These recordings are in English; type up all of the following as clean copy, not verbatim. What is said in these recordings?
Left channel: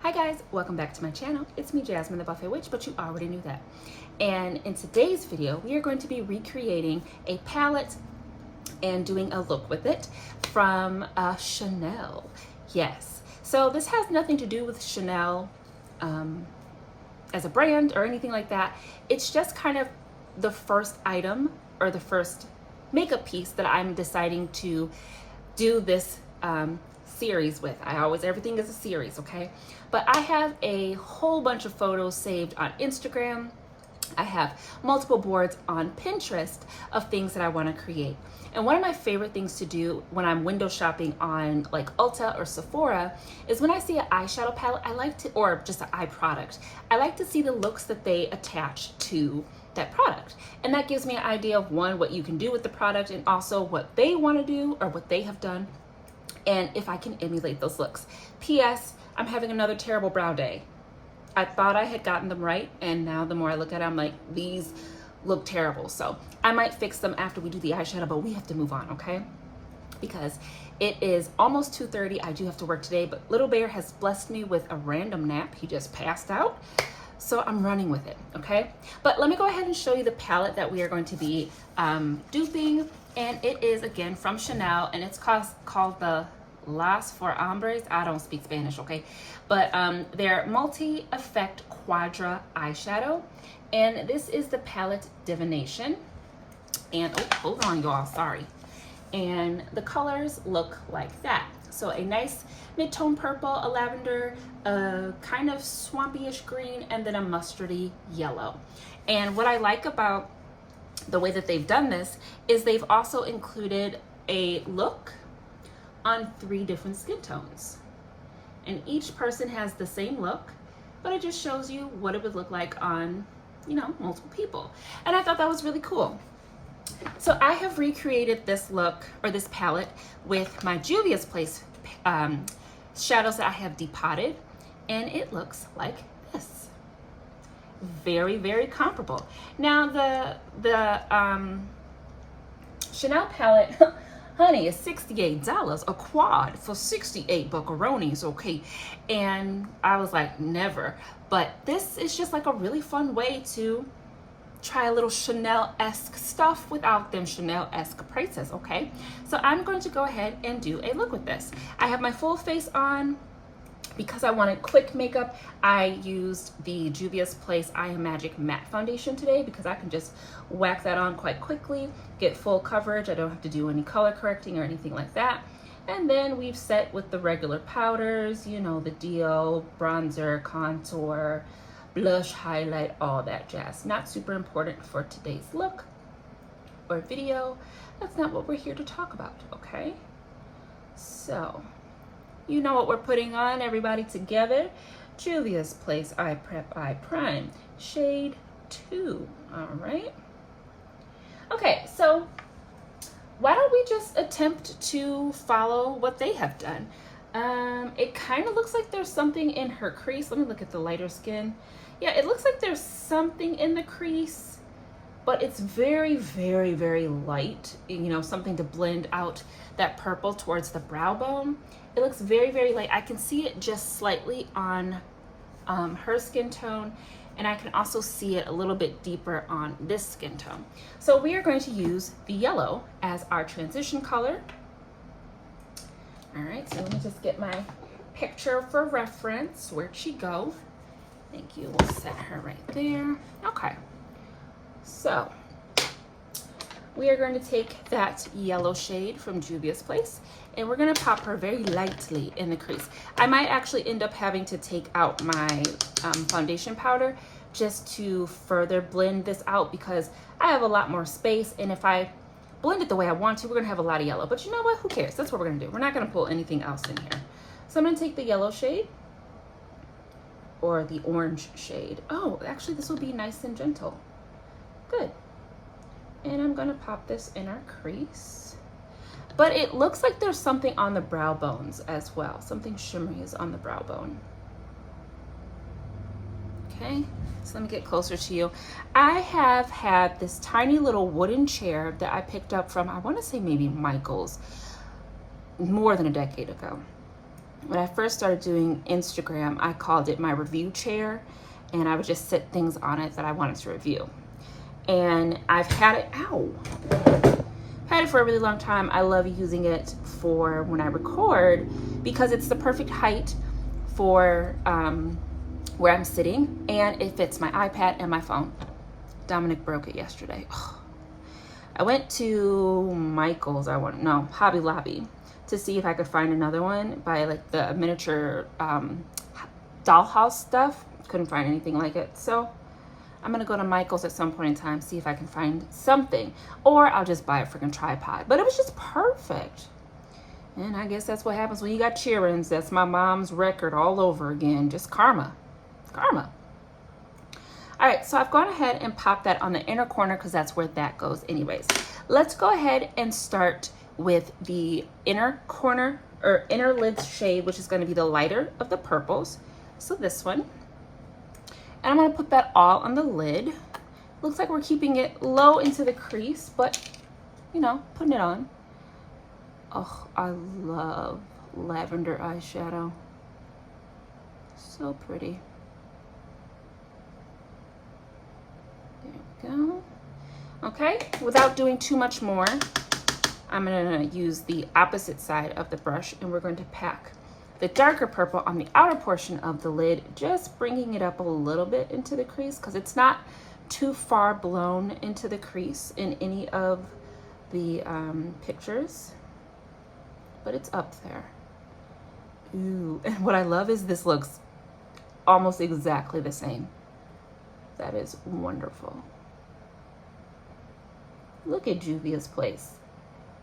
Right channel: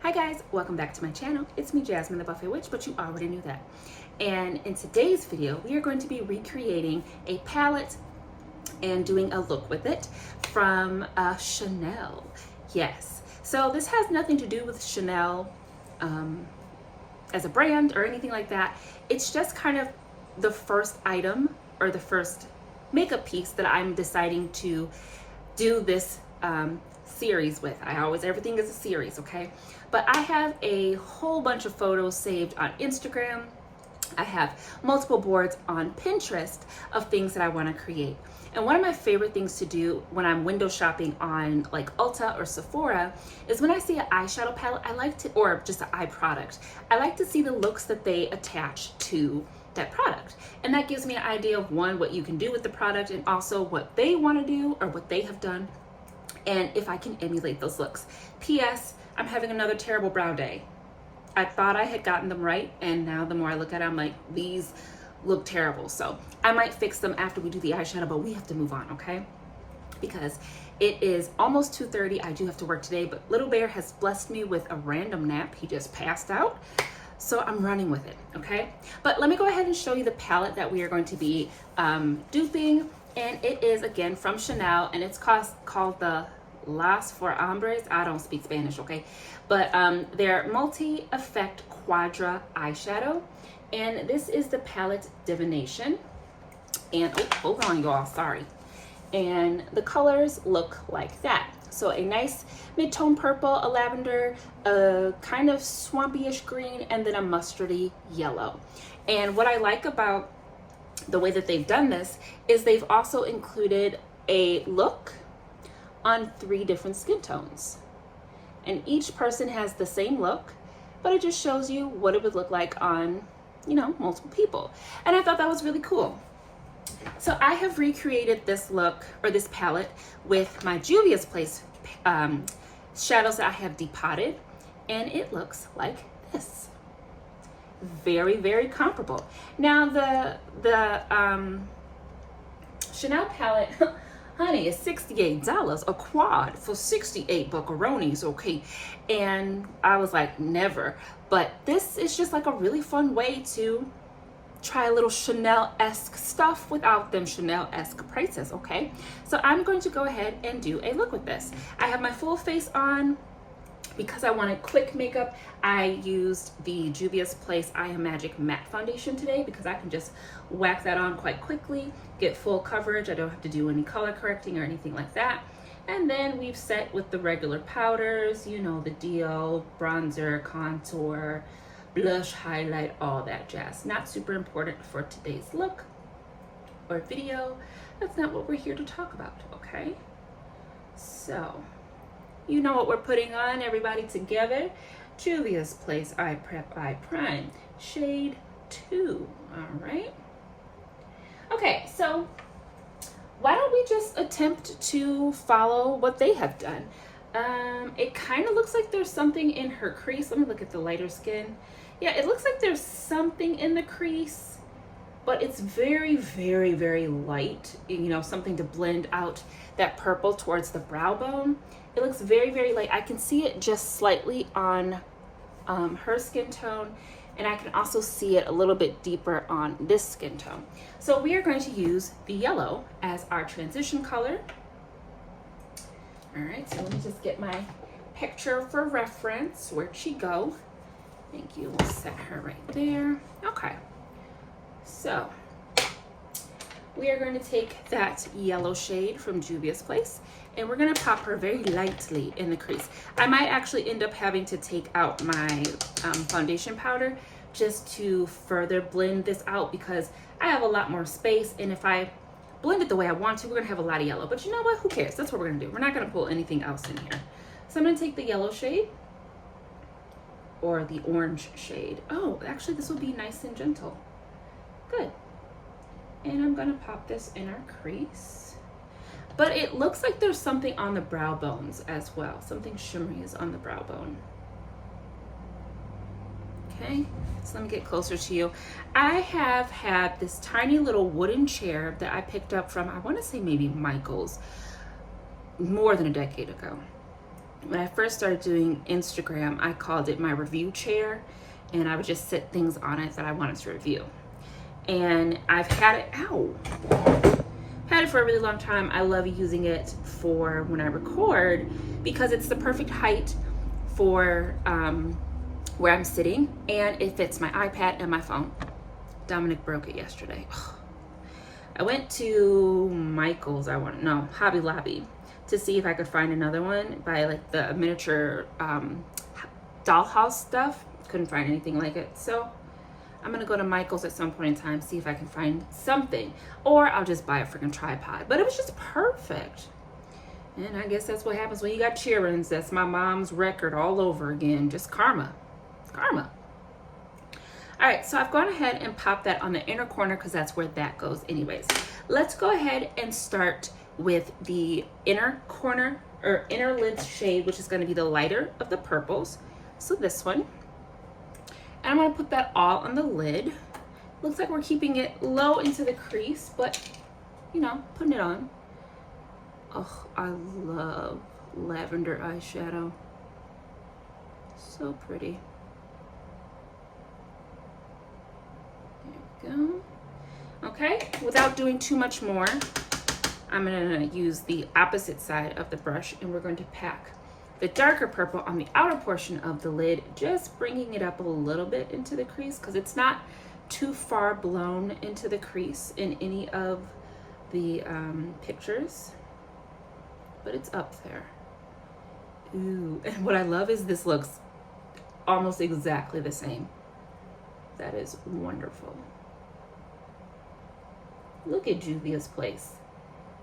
Hi guys, welcome back to my channel. It's me, Jasmine the Buffet Witch, but you already knew that. And in today's video, we are going to be recreating a palette and doing a look with it from Chanel. Yes, so this has nothing to do with Chanel as a brand or anything like that. It's just kind of the first item or the first makeup piece that I'm deciding to do this series with. Everything is a series, okay? But I have a whole bunch of photos saved on Instagram. I have multiple boards on Pinterest of things that I want to create. And one of my favorite things to do when I'm window shopping on like Ulta or Sephora is when I see an eyeshadow palette, or just an eye product, I like to see the looks that they attach to that product. And that gives me an idea of one, what you can do with the product, and also what they want to do or what they have done, and if I can emulate those looks. P.S. I'm having another terrible brow day. I thought I had gotten them right, and now the more I look at it, I'm like, these look terrible. So I might fix them after we do the eyeshadow, but we have to move on, okay? Because it is almost 2:30. I do have to work today, but Little Bear has blessed me with a random nap. He just passed out. So I'm running with it, okay? But let me go ahead and show you the palette that we are going to be duping. And it is, again, from Chanel, and it's called the Las for Hombres. I don't speak Spanish, okay? But they're multi-effect quadra eyeshadow. And this is the palette Divination. And, oh, hold on, y'all, sorry. And the colors look like that. So a nice mid-tone purple, a lavender, a kind of swampy-ish green, and then a mustardy yellow. And what I like about the way that they've done this is they've also included a look on 3 different skin tones. And each person has the same look, but it just shows you what it would look like on, you know, multiple people. And I thought that was really cool. So I have recreated this look, or this palette, with my Juvias Place shadows that I have depotted, and it looks like this. Very, very comparable. Now the Chanel palette, honey, is $68 a quad for 68 buckaroonies, okay? And I was like, never. But this is just like a really fun way to try a little Chanel-esque stuff without them Chanel-esque prices, okay? So I'm going to go ahead and do a look with this. I have my full face on. Because I wanted quick makeup, I used the Juvias Place I Am Magic Matte Foundation today because I can just whack that on quite quickly, get full coverage. I don't have to do any color correcting or anything like that. And then we've set with the regular powders, you know, the deal, bronzer, contour, blush, highlight, all that jazz. Not super important for today's look or video. That's not what we're here to talk about, okay? So, you know what we're putting on, everybody together. Juvias Place Eye Prep Eye Prime, shade 2, all right? Okay, so why don't we just attempt to follow what they have done? It kind of looks like there's something in her crease. Let me look at the lighter skin. Yeah, it looks like there's something in the crease, but it's very, very, very light. You know, something to blend out that purple towards the brow bone. It looks very, very light. I can see it just slightly on her skin tone, and I can also see it a little bit deeper on this skin tone. So we are going to use the yellow as our transition color. All right, so let me just get my picture for reference. Where'd she go? Thank you. We'll set her right there. Okay, so we are going to take that yellow shade from Juvias Place, and we're gonna pop her very lightly in the crease. I might actually end up having to take out my foundation powder just to further blend this out because I have a lot more space, and if I blend it the way I want to, we're gonna have a lot of yellow. But you know what, who cares? That's what we're gonna do. We're not gonna pull anything else in here. So I'm gonna take the yellow shade, or the orange shade. Oh, actually this will be nice and gentle. Good. And I'm gonna pop this in our crease. But it looks like there's something on the brow bones as well. Something shimmery is on the brow bone. Okay, so let me get closer to you. I have had this tiny little wooden chair that I picked up from, I wanna say maybe Michael's, more than a decade ago. when I first started doing Instagram, I called it my review chair, and I would just sit things on it that I wanted to review. And I've had it for a really long time. I love using it for when I record because it's the perfect height for where I'm sitting, and it fits my iPad and my phone. Dominic broke it yesterday. I went to Michael's, Hobby Lobby, to see if I could find another one by like the miniature dollhouse stuff. Couldn't find anything like it. So I'm gonna go to Michael's at some point in time, see if I can find something, or I'll just buy a freaking tripod. But it was just perfect. And I guess that's what happens when you got cheer-ins. That's my mom's record all over again. Just karma. Karma. All right, so I've gone ahead and popped that on the inner corner because that's where that goes anyways. Let's go ahead and start with the inner corner or inner lid shade, which is going to be the lighter of the purples. So this one. And I'm going to put that all on the lid. Looks like we're keeping it low into the crease, but you know, putting it on. Oh, I love lavender eyeshadow. So pretty. There we go. Okay, without doing too much more, I'm gonna use the opposite side of the brush, and we're going to pack the darker purple on the outer portion of the lid, just bringing it up a little bit into the crease because it's not too far blown into the crease in any of the pictures, but it's up there. Ooh, and what I love is this looks almost exactly the same. That is wonderful. Look at Juvias Place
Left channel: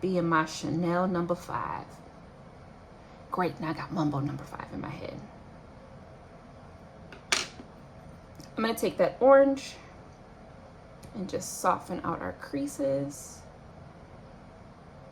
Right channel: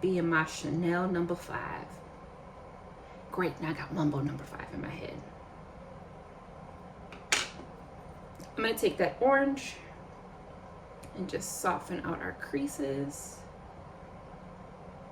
being my Chanel number 5. Great, now I got Mumbo number 5 in my head. I'm gonna take that orange and just soften out our creases.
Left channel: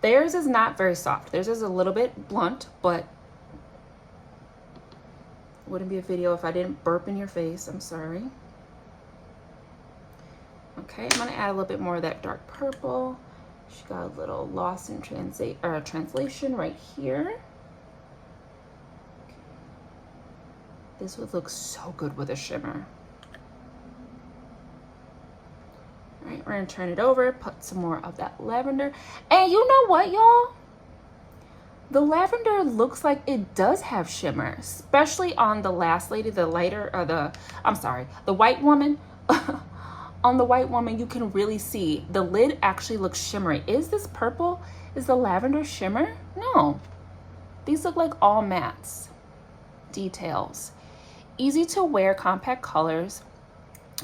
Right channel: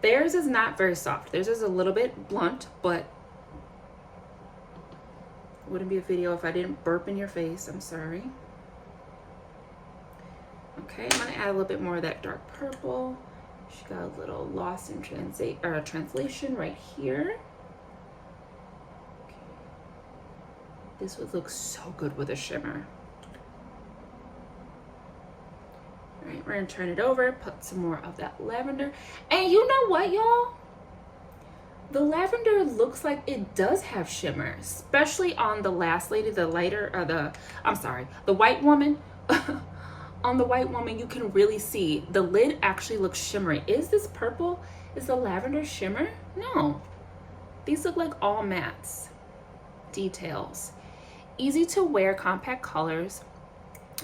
Theirs is not very soft. Theirs is a little bit blunt, but wouldn't be a video if I didn't burp in your face. I'm sorry. Okay, I'm gonna add a little bit more of that dark purple. She got a little lost in translation right here. This would look so good with a shimmer. All right, we're gonna turn it over, put some more of that lavender. And you know what, y'all? The lavender looks like it does have shimmer, especially on the last lady, the lighter, or the white woman. On the white woman, you can really see the lid actually looks shimmery. Is this purple? Is the lavender shimmer? No. These look like all mattes. Details. Easy to wear compact colors,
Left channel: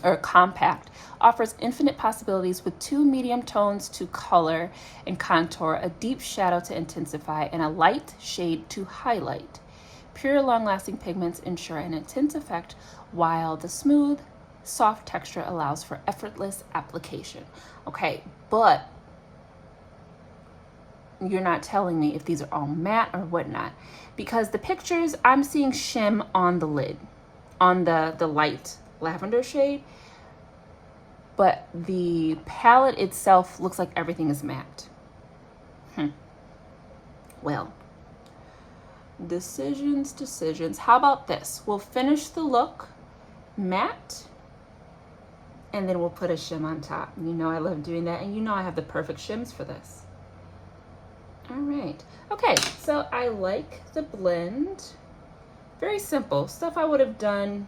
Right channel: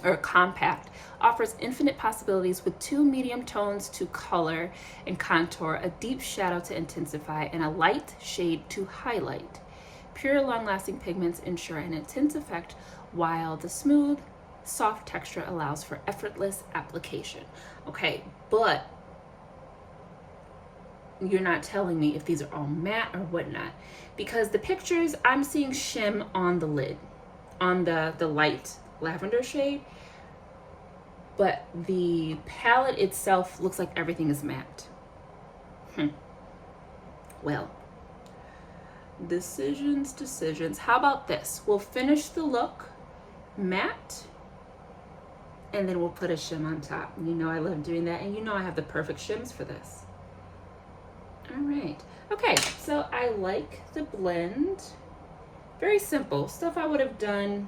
or compact, offers infinite possibilities with 2 medium tones to color and contour, a deep shadow to intensify, and a light shade to highlight. Pure, long-lasting pigments ensure an intense effect, while the smooth, soft texture allows for effortless application. Okay, but you're not telling me if these are all matte or whatnot, because the pictures, I'm seeing shim on the lid, on the light lavender shade, but the palette itself looks like everything is matte. Well, decisions. How about this? We'll finish the look matte, and then we'll put a shim on top. You know I love doing that, and you know I have the perfect shims for this. All right. Okay, so I like the blend. Very simple. Stuff I would have done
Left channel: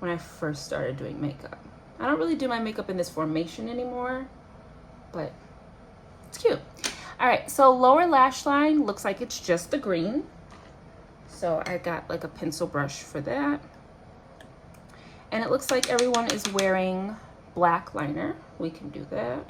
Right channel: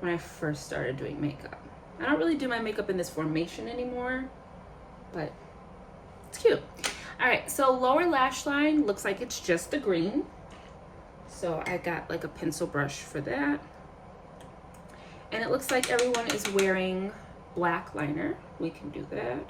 when I first started doing makeup. I don't really do my makeup in this formation anymore, but it's cute. All right, so lower lash line looks like it's just the green. So I got like a pencil brush for that. And it looks like everyone is wearing black liner. We can do that.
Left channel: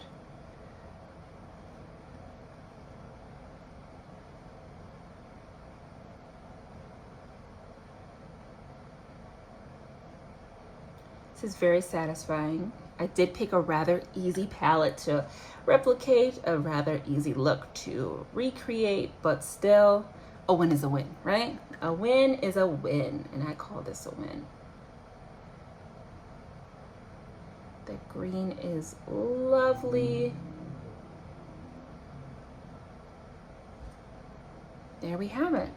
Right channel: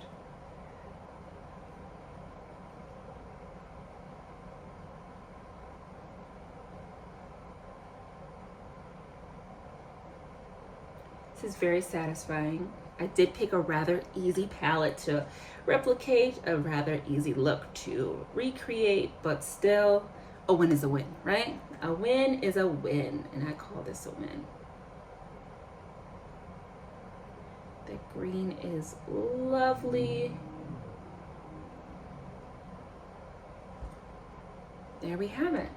This is very satisfying. I did pick a rather easy palette to replicate, a rather easy look to recreate, but still, a win is a win, right? A win is a win, and I call this a win. The green is lovely. There we have it.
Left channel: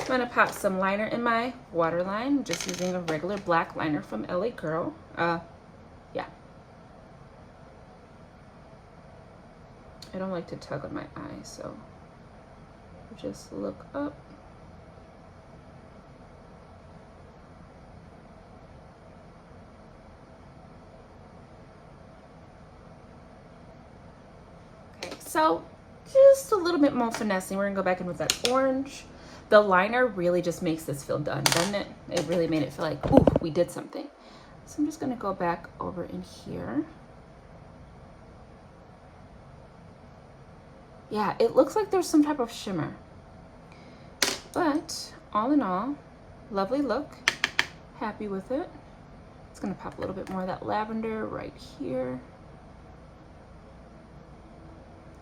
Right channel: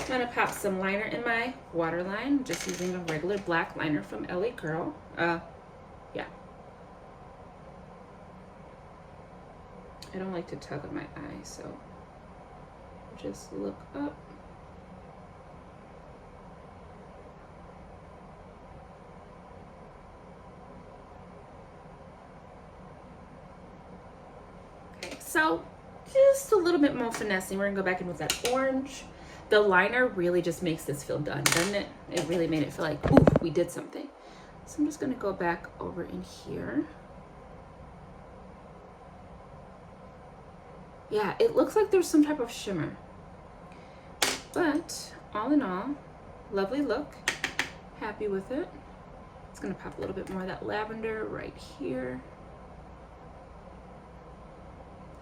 I'm gonna pop some liner in my waterline. Just using a regular black liner from LA Girl. Yeah. I don't like to tug on my eye, so just look up. Okay, so just a little bit more finessing. We're gonna go back in with that orange. The liner really just makes this feel done, doesn't it? It really made it feel like, ooh, we did something. So I'm just gonna go back over in here. Yeah, it looks like there's some type of shimmer. But all in all, lovely look. Happy with it. It's gonna pop a little bit more of that lavender right here.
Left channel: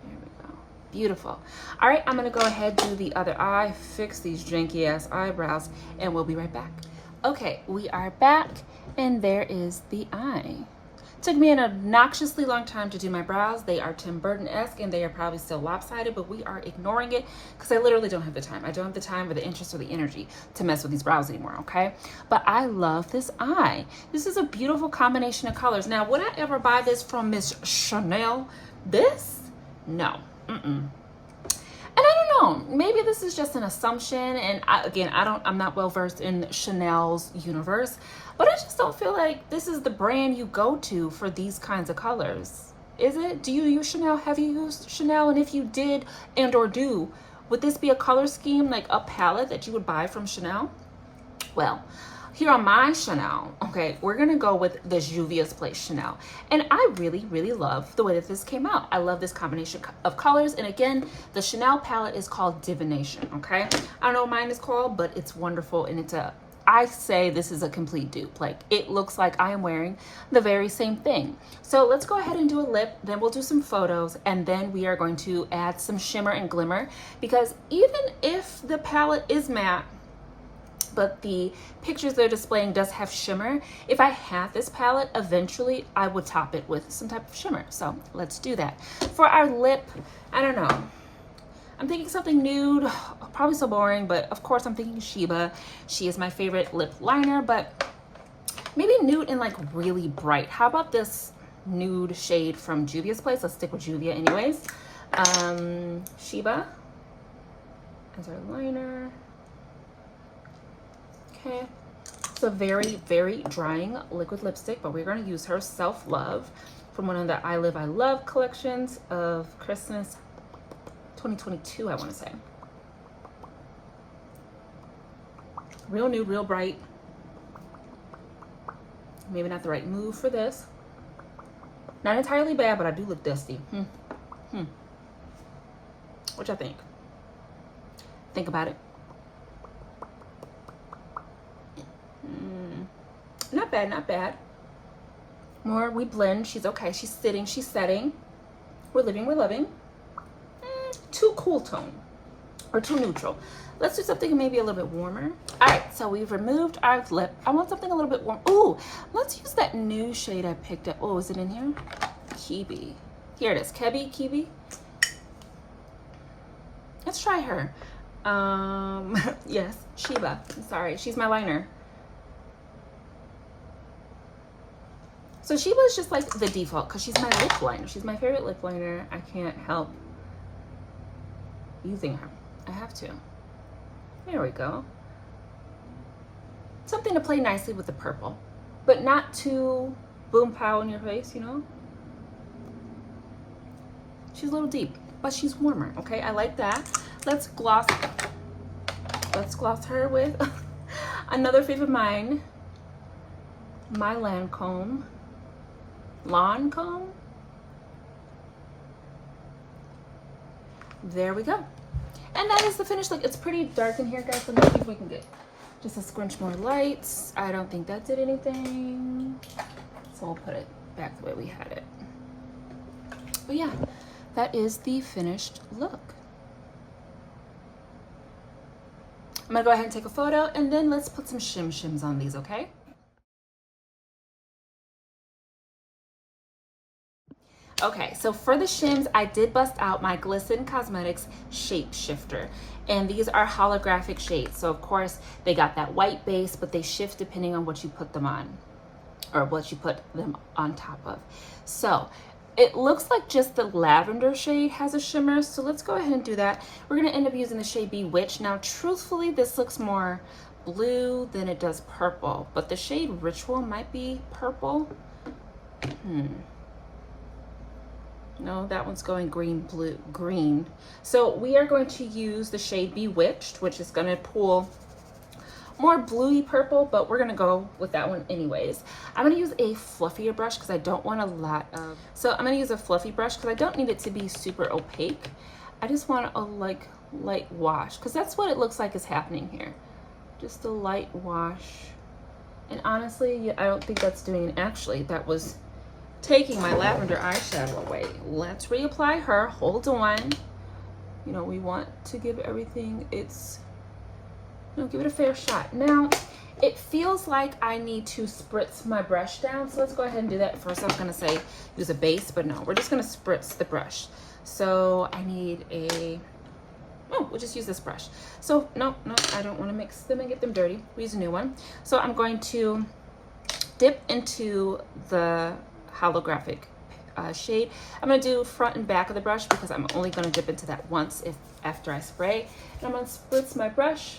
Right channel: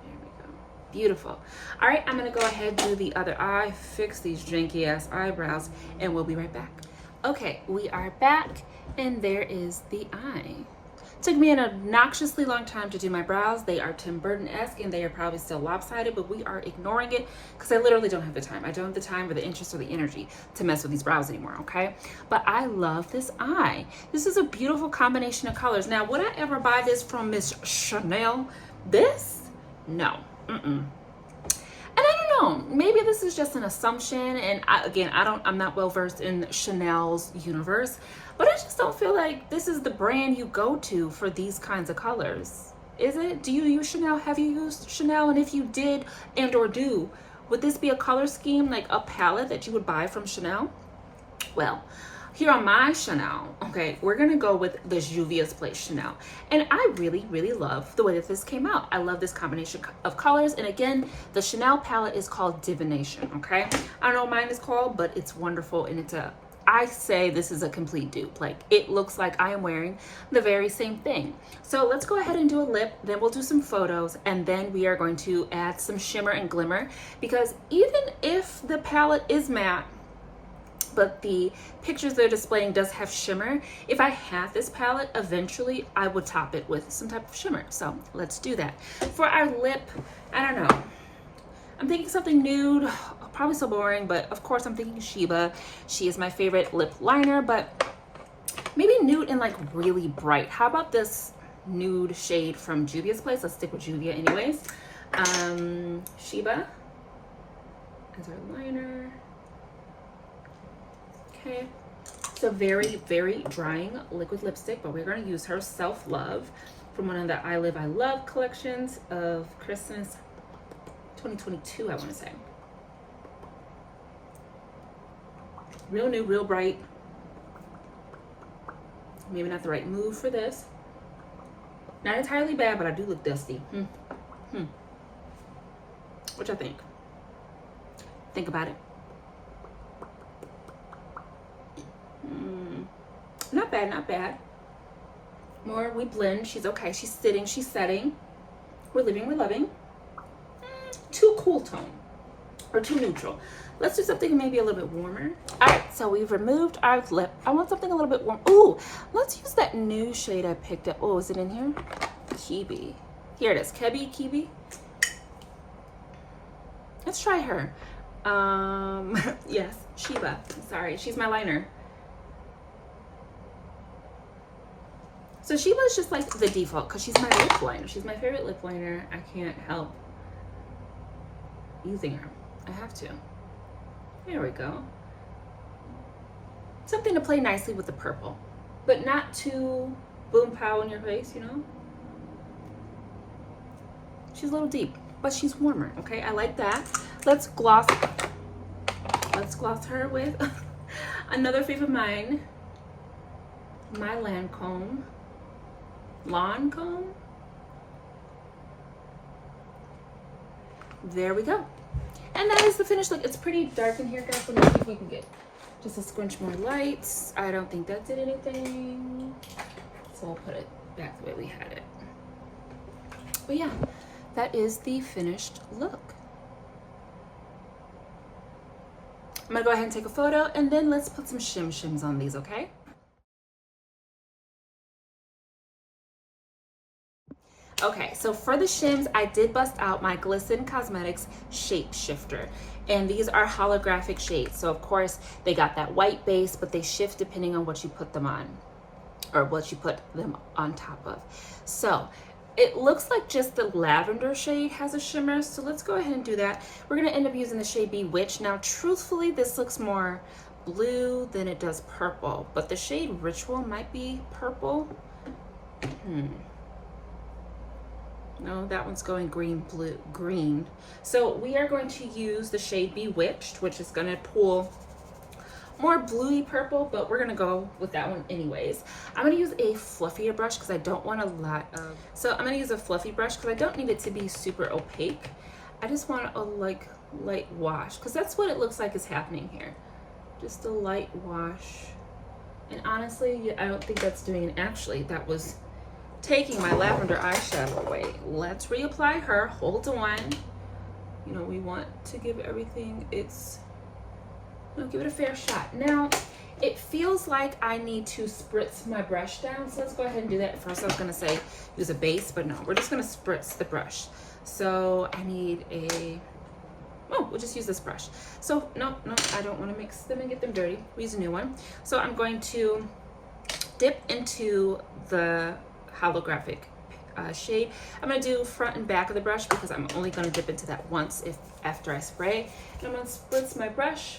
There we go. Beautiful. All right, I'm gonna go ahead and do the other eye, fix these janky ass eyebrows, and we'll be right back. Okay, we are back, and there is the eye. Took me an obnoxiously long time to do my brows. They are Tim Burton-esque and they are probably still lopsided, but we are ignoring it because I literally don't have the time. I don't have the time or the interest or the energy to mess with these brows anymore, okay? But I love this eye. This is a beautiful combination of colors. Now, would I ever buy this from Miss Chanel? This? No. And I don't know, maybe this is just an assumption, and I'm not well versed in Chanel's universe, but I just don't feel like this is the brand you go to for these kinds of colors. Is it? Do you use Chanel? Have you used Chanel? And if you did and or do, would this be a color scheme, like a palette that you would buy from Chanel? Well, here on my Chanel, okay, we're gonna go with the Juvias Place Chanel. And I really, really love the way that this came out. I love this combination of colors. And again, the Chanel palette is called Divination, okay? I don't know what mine is called, but it's wonderful. And I say this is a complete dupe. Like, it looks like I am wearing the very same thing. So let's go ahead and do a lip, then we'll do some photos, and then we are going to add some shimmer and glimmer, because even if the palette is matte, but the pictures they're displaying does have shimmer, if I had this palette, eventually I would top it with some type of shimmer. So let's do that. For our lip, I don't know. I'm thinking something nude, probably so boring, but of course I'm thinking Sheba. She is my favorite lip liner, but maybe nude and like really bright. How about this nude shade from Juvias Place? Let's stick with Juvia anyways. Sheba as our liner. Okay, it's a very, very drying liquid lipstick, but we're going to use her Self Love from one of the I Live, I Love collections of Christmas 2022, I want to say. Real new, real bright. Maybe not the right move for this. Not entirely bad, but I do look dusty. What y'all think? Think about it. Not bad, not bad. More, we blend. She's okay. She's sitting. She's setting. We're living. We're loving. Too cool tone or too neutral. Let's do something maybe a little bit warmer. All right, so we've removed our lip. I want something a little bit warm. Ooh, let's use that new shade I picked up. Oh, is it in here? Kibi. Here it is. Kibi. Let's try her. Yes, Sheba. I'm sorry. She's my liner. So Sheba is just like the default because she's my lip liner. She's my favorite lip liner. I can't help using her. I have to. There we go. Something to play nicely with the purple, but not too boom pow in your face, you know? She's a little deep, but she's warmer, okay? I like that. Let's gloss her with another favorite of mine, my Lancome. There we go. And that is the finished look. It's pretty dark in here, guys. Let me see if we can get just a squinch more lights. I don't think that did anything. So we'll put it back the way we had it. But yeah, that is the finished look. I'm gonna go ahead and take a photo, and then let's put some shims on these, okay? Okay, so for the shims, I did bust out my Glisten Cosmetics Shape Shifter. And these are holographic shades. So of course, they got that white base, but they shift depending on what you put them on, or what you put them on top of. So it looks like just the lavender shade has a shimmer. So let's go ahead and do that. We're gonna end up using the shade Bewitched. Now, truthfully, this looks more blue than it does purple, but the shade Ritual might be purple. No, that one's going green, blue, green. So we are going to use the shade Bewitched, which is gonna pull more bluey purple, but we're gonna go with that one anyways. I'm gonna use a fluffier brush because I don't want a lot of, so I'm gonna use a fluffy brush because I don't need it to be super opaque. I just want a like light wash, because that's what it looks like is happening here. Just a light wash. And honestly, I don't think that's doing it. Actually, that was taking my lavender eyeshadow away. Let's reapply her. Hold on. You know, we want to give everything its, you know, give it a fair shot. Now, it feels like I need to spritz my brush down. So let's go ahead and do that. First, I was gonna say use a base, but no, we're just gonna spritz the brush. So I need a, oh, we'll just use this brush. So no, I don't want to mix them and get them dirty. We use a new one. So I'm going to dip into the holographic shade. I'm going to do front and back of the brush because I'm only going to dip into that once after I spray. And I'm going to spritz my brush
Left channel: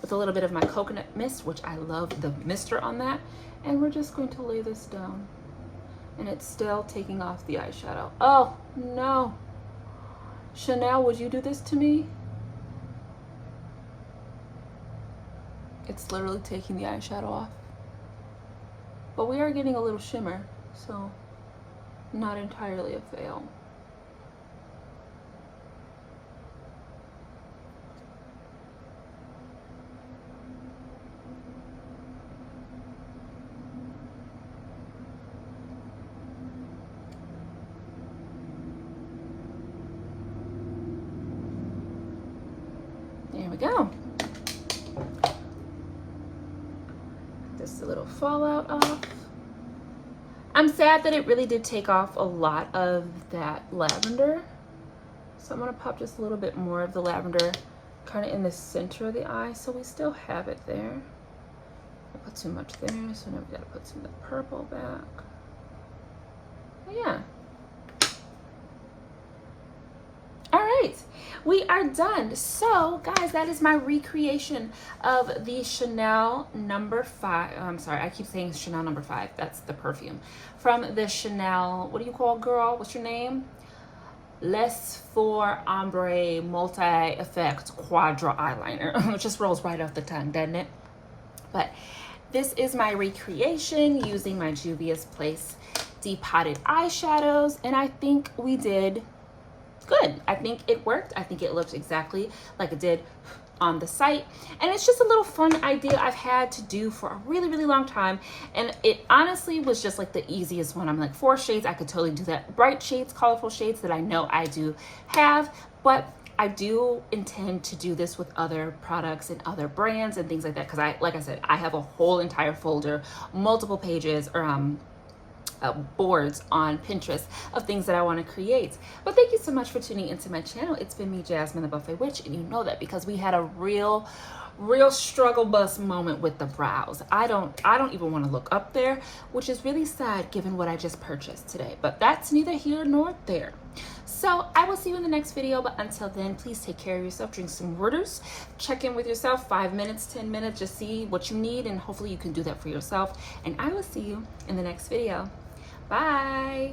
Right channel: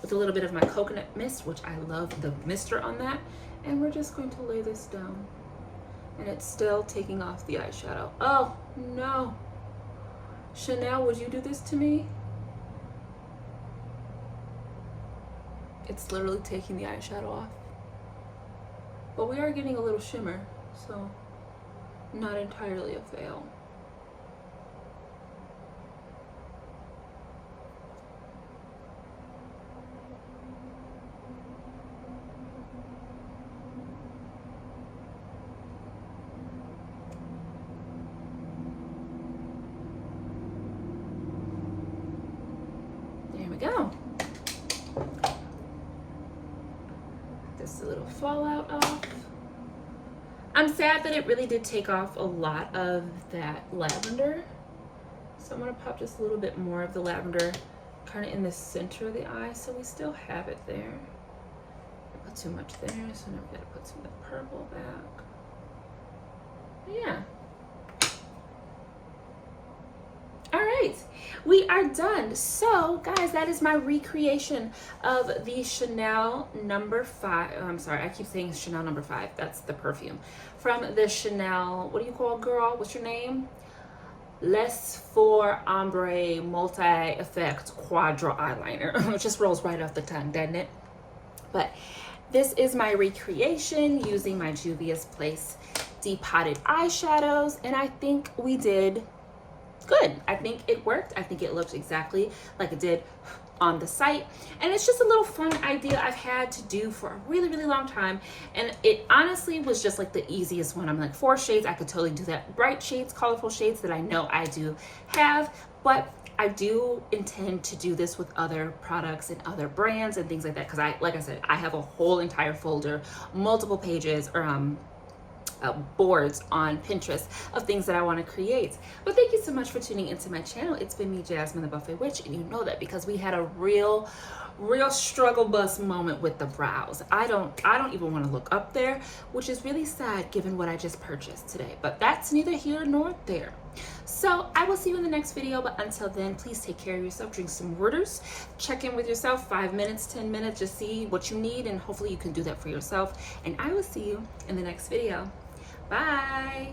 with a little bit of my coconut mist, which I love the mister on that. And we're just going to lay this down. And it's still taking off the eyeshadow. Oh no. Chanel, would you do this to me? It's literally taking the eyeshadow off. But we are getting a little shimmer, so not entirely a fail. There we go. Just a little fallout off. I'm sad that it really did take off a lot of that lavender. So I'm gonna pop just a little bit more of the lavender kind of in the center of the eye, so we still have it there. I put too much there, so now we gotta put some of the purple back. But yeah. All right, we are done. So guys, that is my recreation of the Chanel number 5. I'm sorry, I keep saying Chanel number 5. That's the perfume. From the Chanel, what do you call, girl? What's your name? Les Four Ombre Multi-Effect Quadra Eyeliner. It just rolls right off the tongue, doesn't it? But this is my recreation using my Juvias Place depotted eyeshadows, and I think we did good. I think it worked. I think it looked exactly like it did on the site, and it's just a little fun idea I've had to do for a really, really long time, and it honestly was just like the easiest one. I'm like, 4 shades, I could totally do that. Bright shades, colorful shades that I know I do have, but I do intend to do this with other products and other brands and things like that, because like I said, I have a whole entire folder, multiple pages, or boards on Pinterest of things that I want to create. But thank you so much for tuning into my channel. It's been me, Jasmine the Buffet Witch, and you know that because we had a real struggle bus moment with the brows. I don't even want to look up there, which is really sad given what I just purchased today, but that's neither here nor there. So I will see you in the next video, but until then, please take care of yourself, drink some waters, check in with yourself, 5 minutes, 10 minutes, just see what you need, and hopefully you can do that for yourself. And I will see you in the next video. Bye.